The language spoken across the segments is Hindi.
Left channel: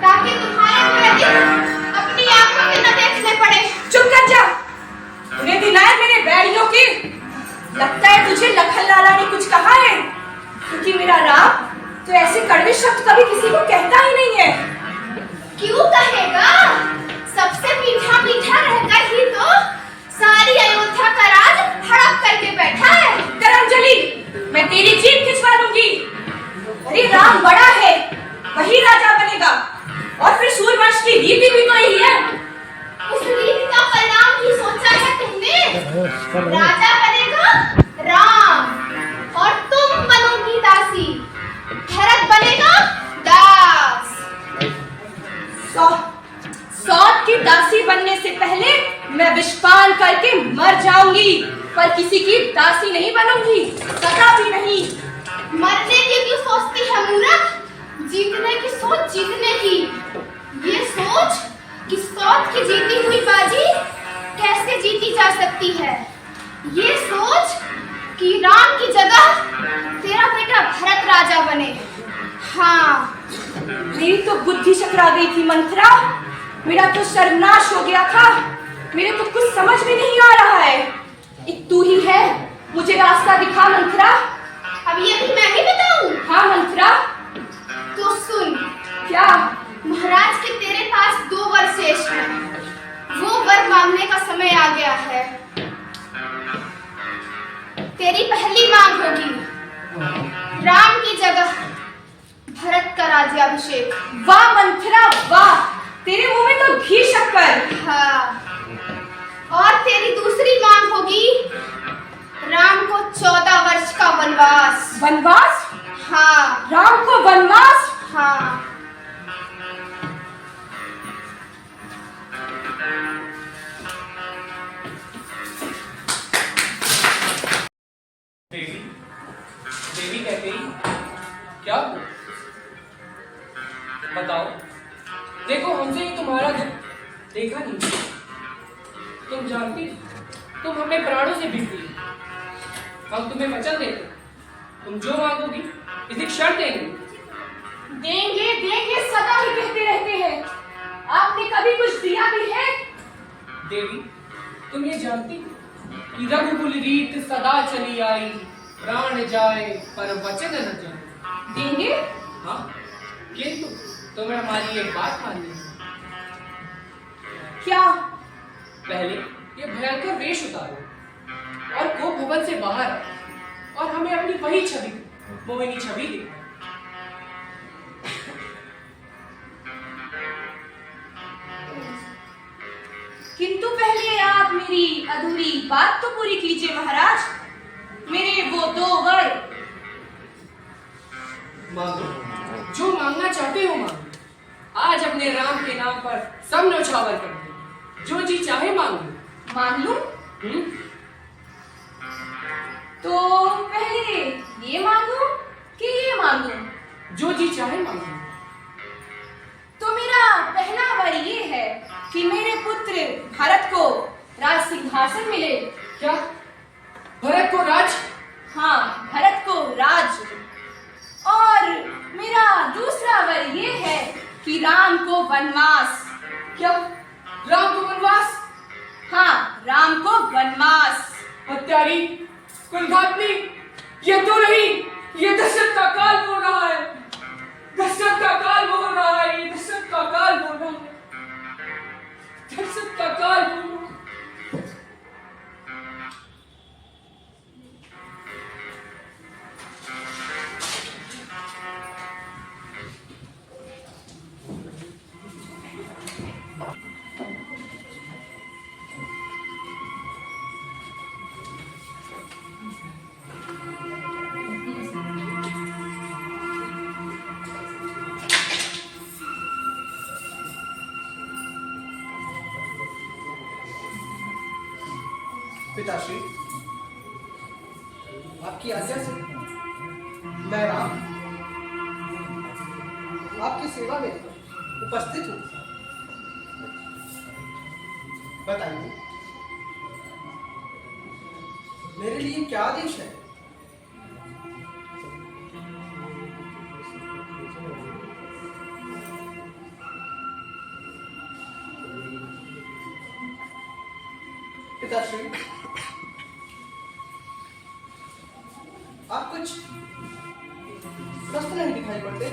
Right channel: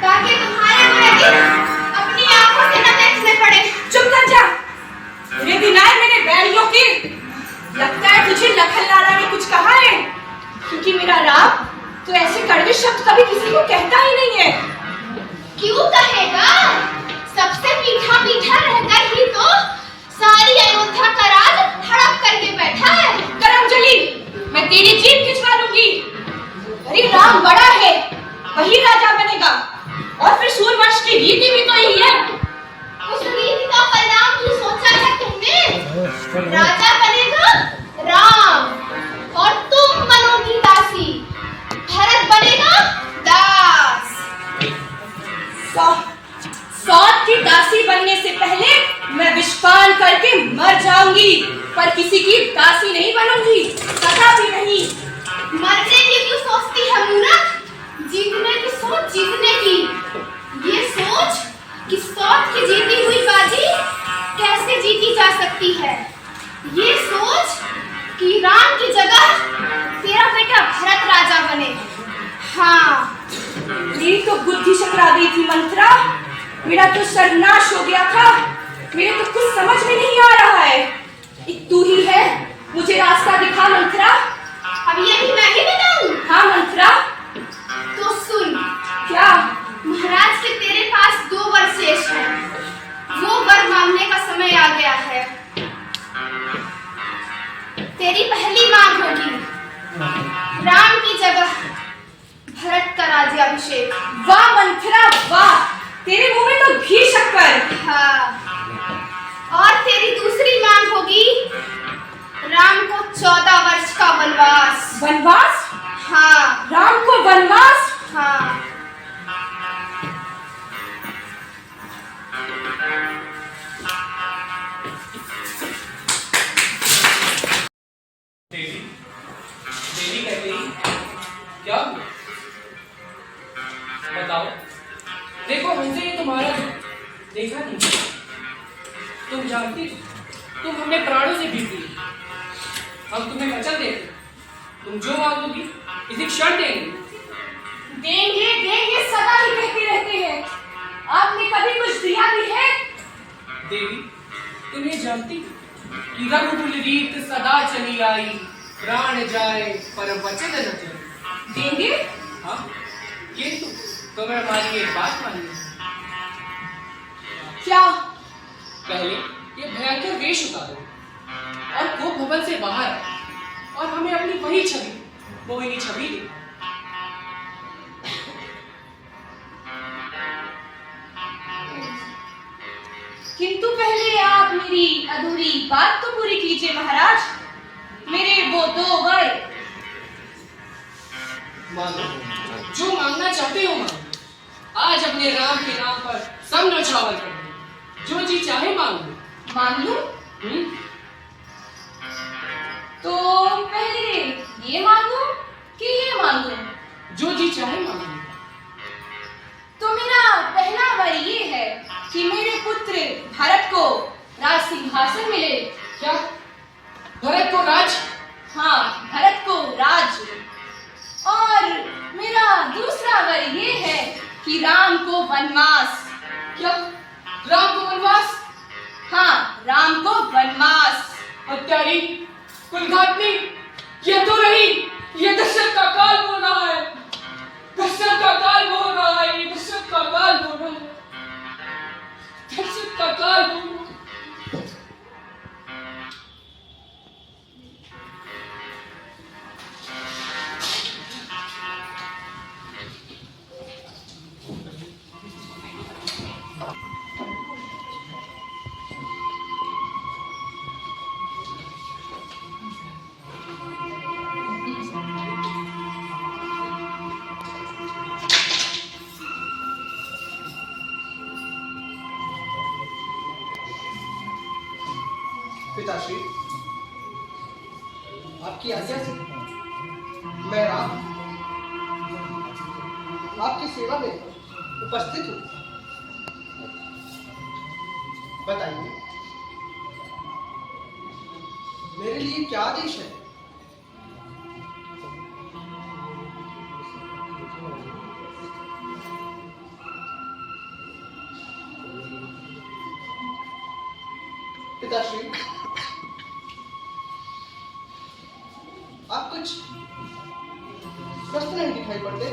ताकि तुम्हारे बुरे दिन अपनी आंखों से न देखने पड़े। चुप कर जा। तूने दिनाए मेरे बैरियों की। लगता है तुझे लखन लाला ने कुछ कहा है, क्योंकि मेरा राम तो ऐसे कड़वे शब्द कभी किसी को कहता ही नहीं है। क्यों कहेगा? सबसे मीठा मीठा रहकर ही तो सारी अयोध्या का राज हड़प करके बैठा है। करमजली, मैं तेरी जीभ खिंचवा लूंगी। अरे राम बड़ा है, वही राजा बनेगा, और फिर सूर्यवंश की रीति भी तो यही है। उस रीति का परिणाम ही सोचा है तुमने? राजा बनेगा राम और तुम बनोगी दासी। भरत बनेगा दास। सौत की दासी बनने से पहले मैं विषपान करके मर जाऊंगी, पर किसी की दासी नहीं बनूंगी, कदा भी नहीं। मरने की क्यों सोचती है मूर्ख? जीतने की सोच, जीतने की। ये सोच कि सौत की जीती हुई बाजी कैसे जीती जा सकती है। ये सोच कि राम की जगह तेरा बेटा भरत राजा बने। हाँ, मेरी तो बुद्धि चकरा गई थी मंत्रा। मेरा तो सर्वनाश हो गया था। मेरे तो कुछ समझ में नहीं आ रहा है। एक तू ही है, मुझे रास्ता दिखा मंत्रा। अब ये भी मैं ही बताऊं? हाँ मंत्रा। तो सुन। क्या? महाराज के तेरे पास 2 वर शेष हैं। वो वर मांगने का समय आ गया है। तेरी पहली मांग होगी राम की जगह भरत का राज्याभिषेक। वाह मंत्रा वाह, तेरे मुंह में तो घी शक्कर। हाँ, और तेरी दूसरी मांग होगी राम को 14 वर्ष का वनवास। वनवास? हाँ। राम को वनवास? हाँ। देवी, देवी कहते ही क्या हुआ? बताओ। देखो, हमसे ये तुम्हारा दुख देखा नहीं। तुम जानती, तुम हमें प्राणों से भी दी। हम तुम्हें वचन देते, तुम जो मांगोगी इसी क्षण देंगे। देंगे देंगे सदा ही कहते रहते हैं। आपने कभी कुछ दिया भी है? देवी, तुम ये जानती कि रघुकुल रीत सदा चली आई, प्राण जाए पर वचन न जाए। देंगे? हाँ, किंतु तुम्हें हमारी एक बात मानिए। क्या? पहले ये भयंकर वेश उतारो और को भवन से बाहर आओ और हमें अपनी वही छवि, मोहिनी छवि दे। किंतु पहले आप मेरी अधूरी बात तो पूरी कीजिए महाराज। मेरे वो 2 वर। मांगो, जो मांगना चाहते हो मांगो। आज अपने राम के नाम पर सब न्यौछावर कर दो। जो जी चाहे मांगो। मांग लूं? तो पहले ये मांगू कि ये मांगू? जो जी चाहे मांगो। तो मेरा पहला वर ये है कि मेरे पुत्र भरत को राज सिंहासन मिले। क्या? भरत को राज? हाँ, भरत को राज। और मेरा दूसरा वर ये है कि राम को वनवास। क्या? राम को वनवास? हाँ, राम को वनवास। हत्यारी, कुलघातनी, ये तो रही, ये दशरथ का काल हो रहा है। दशरथ का काल हो रहा है, ये दशरथ का काल हो रहा है। दशरथ का काल हो रहा है। पिताश्री, आपकी आज्ञा से मैं राम आपकी सेवा में उपस्थित हूँ। बताइए, मेरे लिए क्या आदेश है? पिताश्री, आप कुछ स्वस्थ नहीं दिखाई पड़ते।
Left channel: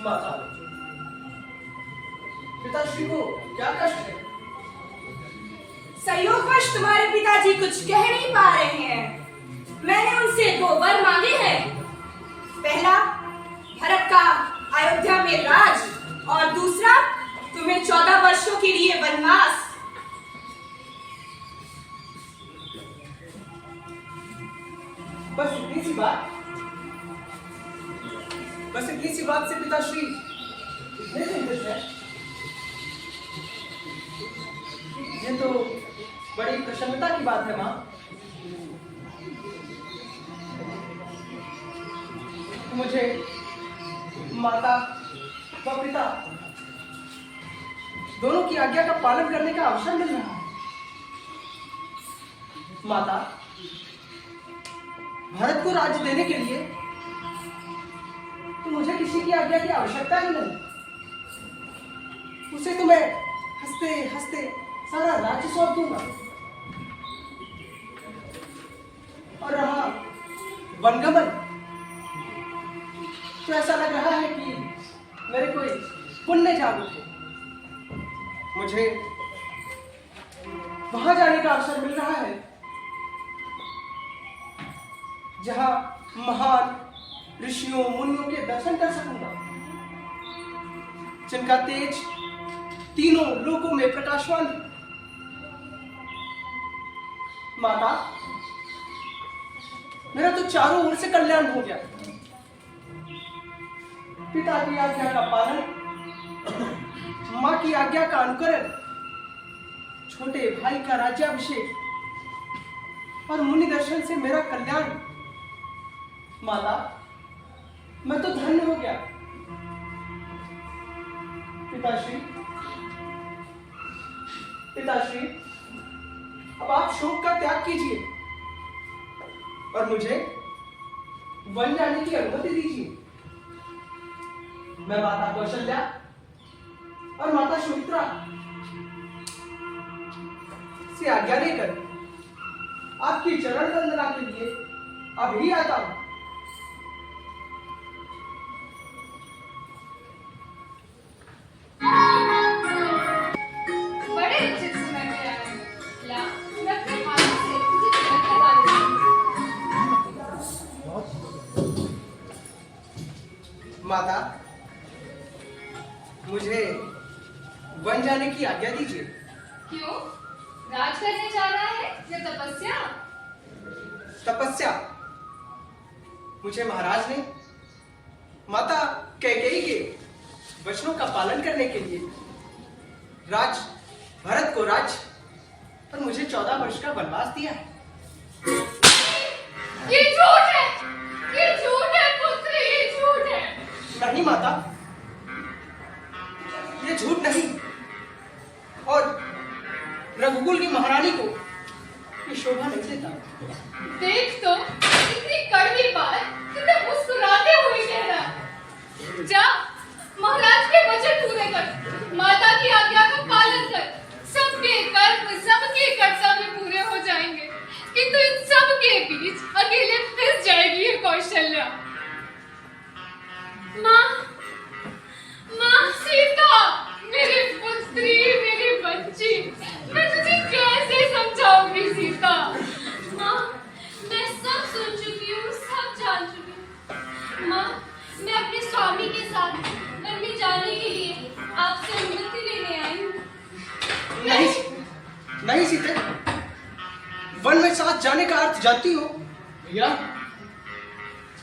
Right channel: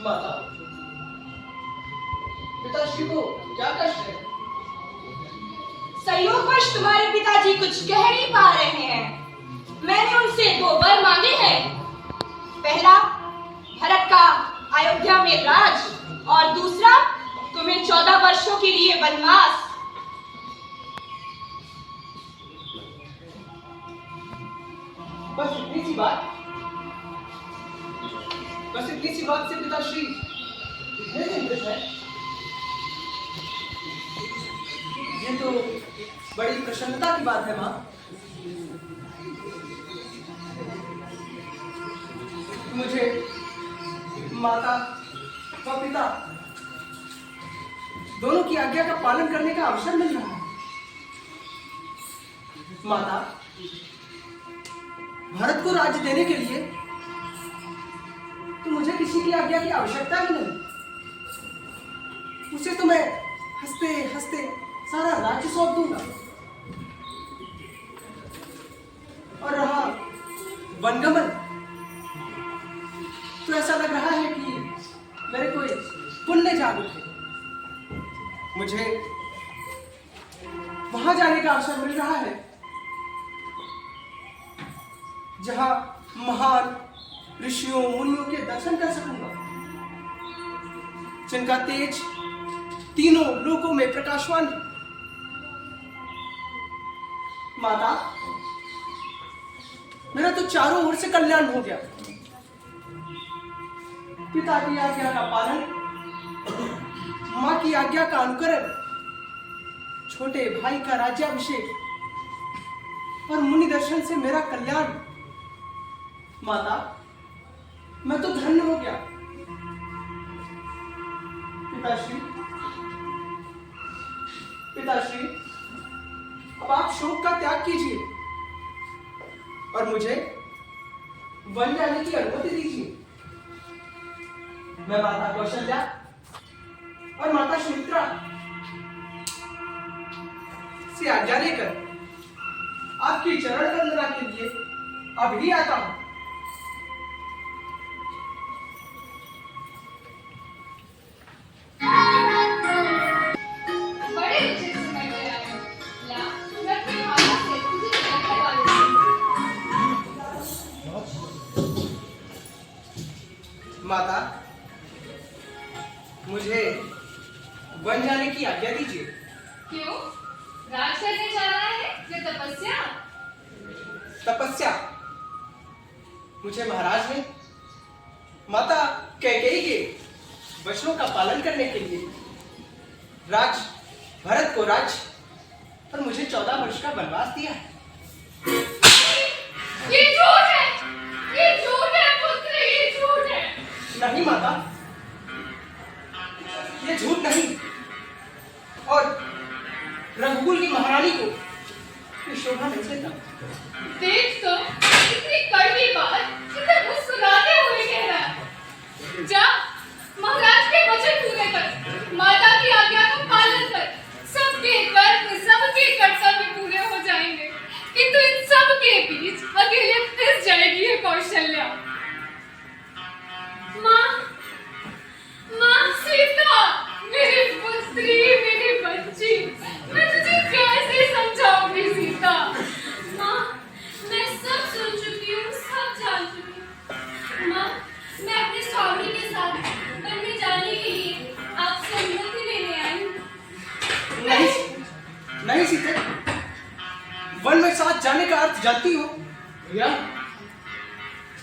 माता, पिताश्री को क्या कष्ट है? संयोगवश तुम्हारे पिताजी कुछ कह नहीं पा रहे हैं। मैंने उनसे 2 वर मांगे हैं। पहला, भरत का अयोध्या में राज, और दूसरा, तुम्हें 14 वर्षों के लिए वनवास। बस इतनी सी बात, बस इतनी सी बात से पिताश्री इतने चिंतित है। ये तो बड़ी प्रसन्नता की बात है माँ। मुझे माता व पिता दोनों की आज्ञा का पालन करने का अवसर मिल रहा है। माता, भारत को राज्य देने के लिए तो मुझे किसी की आज्ञा की आवश्यकता ही नहीं। उसे तो मैं हंसते हंसते सारा राज्य सौंप दूंगा। और रहा वनगमन, तो ऐसा लग रहा है कि मेरे कोई पुण्य जाग उठे। मुझे वहां जाने का अवसर मिल रहा है जहां महान ऋषियों मुनियों के दर्शन कर सकूंगा, जिनका तेज तीनों लोकों में प्रकाशवान है। माता, मेरा तो चारों ओर से कल्याण हो गया। पिता की आज्ञा का पालन, मां की आज्ञा का अनुकरण, छोटे भाई का राज्याभिषेक और मुनि दर्शन से मेरा कल्याण। माता, मैं तो धन्य हो गया। पिताश्री, पिताश्री, अब आप शोक का त्याग कीजिए और मुझे वन जाने की अनुमति दीजिए। मैं माता कौशल्या और माता सुमित्रा से आज्ञा लेकर आपकी चरण वंदना के लिए अभी आता हूं। बड़े अच्छे समय पे आए। ला, मैं अपने हाथों से तुझे तिलक लगा देती हूं। माता, मुझे वन जाने की आज्ञा दीजिए। क्यों? राज करने जा रहा है या तपस्या? तपस्या। मुझे महाराज ने माता कैकेयी के वचनों का पालन करने के लिए भरत को राज्य और मुझे 14 वर्ष का वनवास दिया। ये झूठ है, ये झूठ है पुत्र, ये झूठ है। नहीं माता, ये झूठ नहीं। और रघुकुल की महारानी को ये शोभा नहीं देता। देख तो, इतनी कड़वी बात कितने मुस्कुराते हुए कह रहा है। जा, महाराज के वचन पूरे कर, माता की आज्ञा का पालन कर। सबके कर्म, सबके कर्तव्य पूरे हो जाएंगे, किंतु इन सब के बीच अकेले फंस जाएगी ये कौशल्या। माँ, माँ सीता, मेरी पुत्री, मेरी बच्ची, मैं तुझे कैसे समझाऊंगी सीता? माँ, मैं सब सुन चुकी हूँ, सब जान चुकी हूँ। माँ, मैं अपने स्वामी के साथ वन में जाने के लिए आपसे अनुमति लेने आई हूँ। नहीं, नहीं सीते, वन में साथ जाने का अर्थ जानती हो? भैया,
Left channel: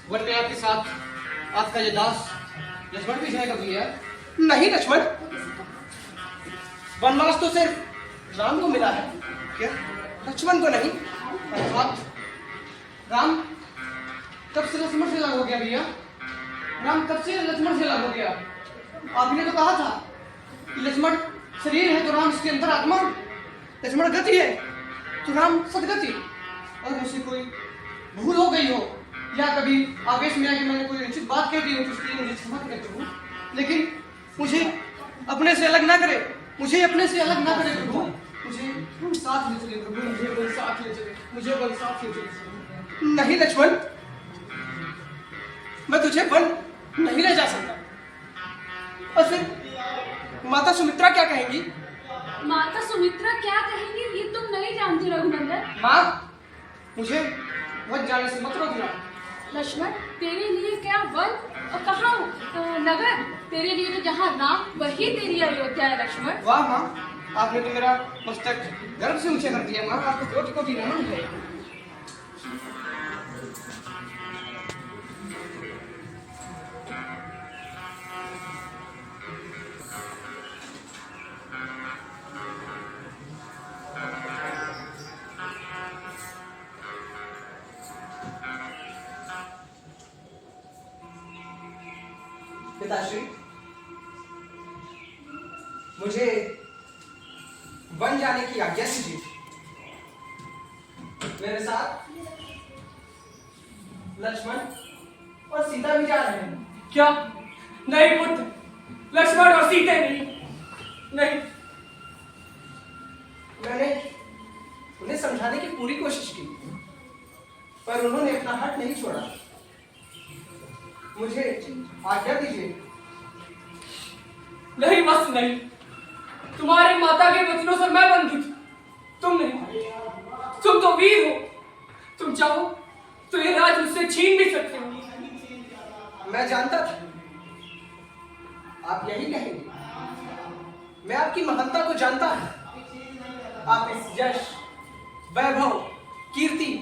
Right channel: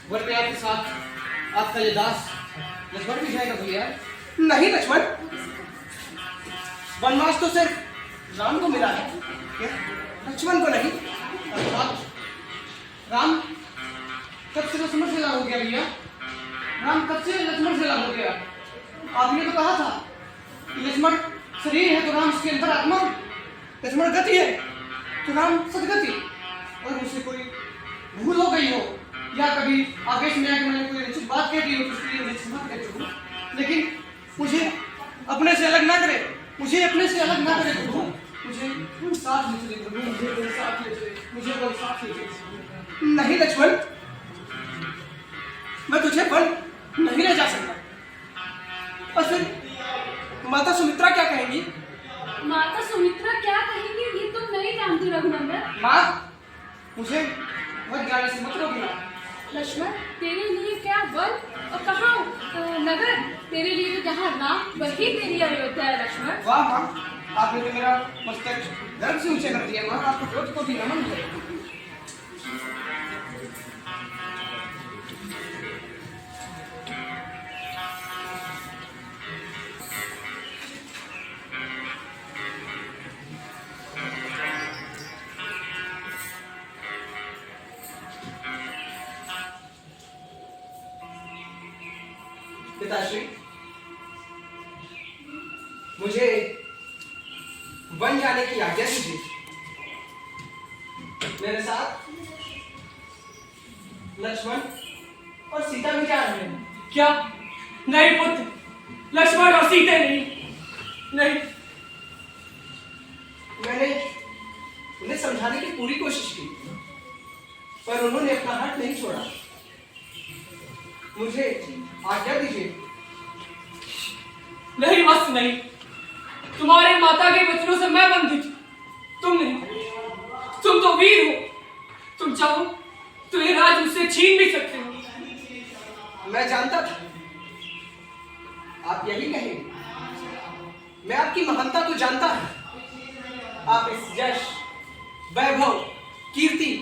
वन में आपके साथ आपका ये दास लक्ष्मण भी जाएगा भैया। नहीं लक्ष्मण, वनवास तो सिर्फ राम को मिला है, क्या लक्ष्मण को नहीं? अर्थात राम कब से लक्ष्मण से अलग हो गया भैया? राम कब से लक्ष्मण से अलग हो गया? आपने तो कहा था कि लक्ष्मण शरीर है तो राम उसके अंदर आत्मा। लक्ष्मण गति है तो राम सदगति। और मुझसे कोई भूल हो गई हो या कभी आवेश में आके मैंने कोई अनुचित बात कह दी हो तो उसके लिए मुझे क्षमा करे प्रभु। लेकिन मुझे अपने से अलग ना करे, मुझे अपने से अलग ना करे प्रभु। मुझे साथ ले चले प्रभु, मुझे वन साथ ले चले, मुझे वन साथ ले चले। नहीं लक्ष्मण, मैं तुझे वन नहीं ले जा सकता। और फिर माता सुमित्रा क्या कहेंगी? माता सुमित्रा क्या कहेंगी ये तुम नहीं जानती रघुनंदन। माँ, मुझे वन जाने से मत रोकना। लक्ष्मण, तेरे लिए क्या वन और कहाँ नगर? तेरे लिए तो जहाँ राम वही तेरी अयोध्या है लक्ष्मण। वाह माँ, आपने तो मेरा मस्तक गर्व से ऊंचे कर दिया माँ। आपको कोटि कोटि नमन है। पिताश्री, मुझे वन जाने की आज्ञा दीजिए। मेरे साथ लक्ष्मण और सीता भी जा रहे हैं। क्या? नहीं पुत्र, लक्ष्मण और सीता नहीं। मैंने उन्हें समझाने की पूरी कोशिश की, पर उन्होंने अपना हाथ नहीं छोड़ा। मुझे आज्ञा दीजिए। नहीं बस नहीं, तुम्हारे माता के वचनों से मैं बंधित हूं, तुम नहीं। तुम तो वीर हो, तुम चाहो तो ये राज मुझसे छीन भी सकते हो। मैं जानता था आप यही कहेंगे। मैं आपकी महानता को जानता हूं। आप इस यश, वैभव, कीर्ति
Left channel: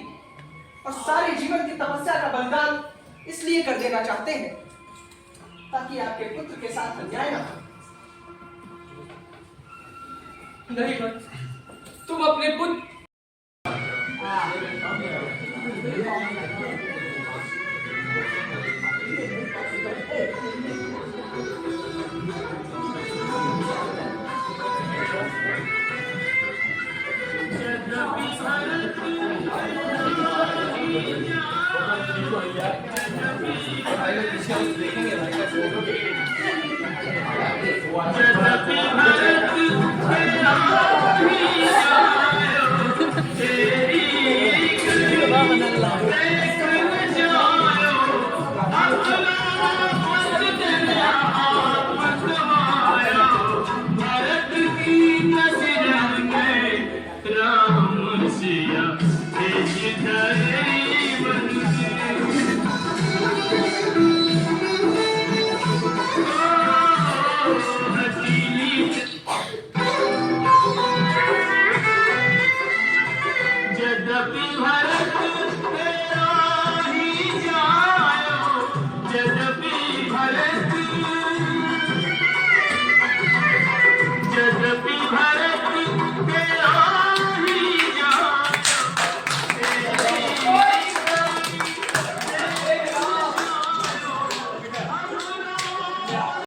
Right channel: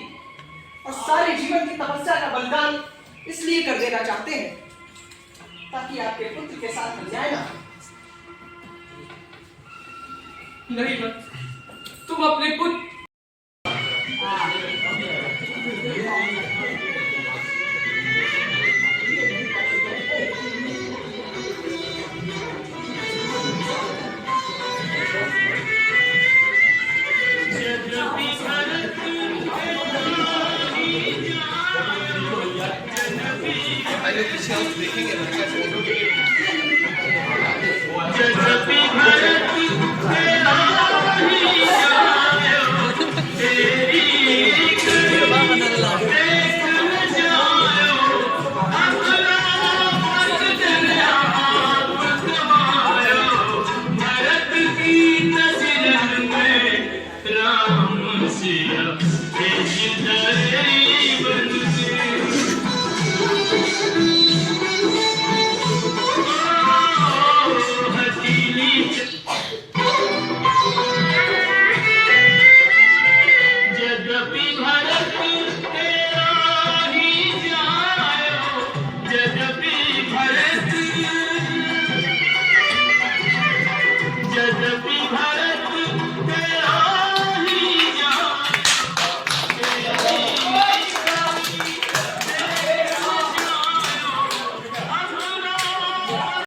और सारे जीवन की तपस्या का बलिदान इसलिए कर देना चाहते हैं ताकि आपके पुत्र के साथ अन्याय ना हो। नहीं मत, तुम अपने पुत्र